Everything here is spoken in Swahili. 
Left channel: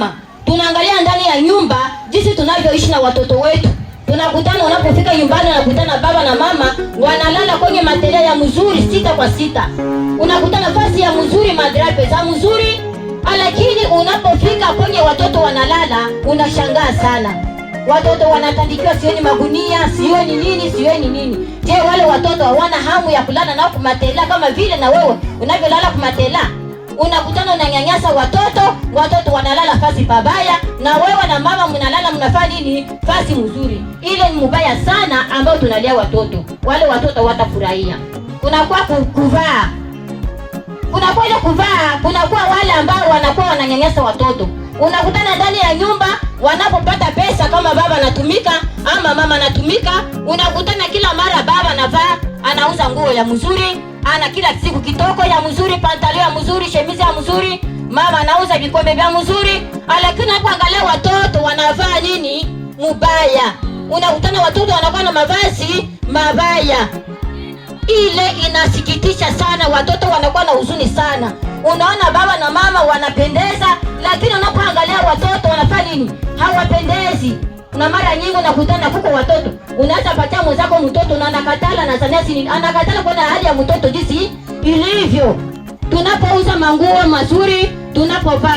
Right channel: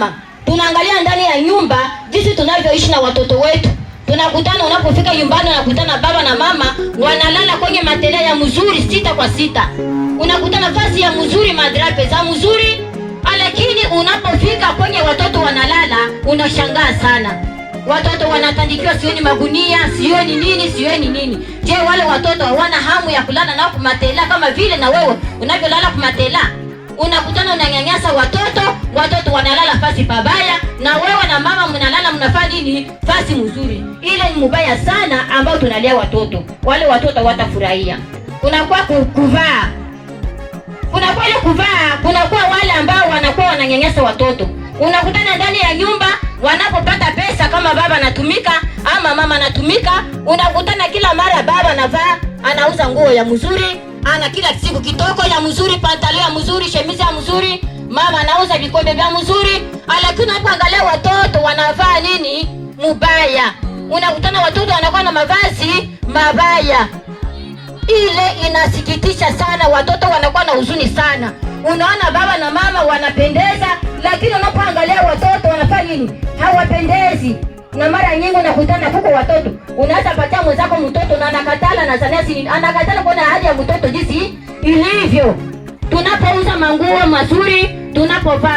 mama, tunaangalia ndani ya nyumba jinsi tunavyoishi na watoto wetu. Tunakutana, unapofika nyumbani unakutana baba na mama wanalala kwenye matela ya mzuri 6 kwa 6. Unakutana nafasi ya mzuri, madrape za mzuri, lakini unapofika kwenye watoto wanalala unashangaa sana. Watoto wanatandikiwa sioni magunia, sioni nini. Je, wale watoto hawana hamu ya kulala nao kumatela kama vile na wewe unavyolala kumatela? Unakutana unanyanyasa watoto wanalala fasi pabaya, na wewe na mama mnalala mnafanya nini fasi mzuri. Ile ni mbaya sana ambao tunalia watoto. Wale watoto watafurahia. Kunakuwa kuvaa. Kunakuwa ile kuvaa, kunakuwa wale ambao wanakuwa wananyanyasa watoto. Unakutana ndani ya nyumba wanapopata pesa, kama baba anatumika ama mama anatumika, unakutana kila mara baba anavaa, anauza nguo ya mzuri, ana kila siku kitoko ya mzuri, pantalon ya mzuri, shemizi ya mzuri, mama anauza vikombe vya mzuri, lakini unapoangalia watoto wanavaa nini mubaya. Unakutana watoto wanakuwa na mavazi mabaya. Ile inasikitisha sana, watoto wanakuwa na huzuni sana. Unaona baba na mama wanapendeza, lakini unapoangalia watoto wanafanya nini hawapendezi. Na mara nyingi unakutana huko watoto, unaweza patia mwenzako mtoto na anakatala, na zanesi anakatala kwa hali ya mtoto jinsi ilivyo. Tunapouza manguo mazuri, tunapovaa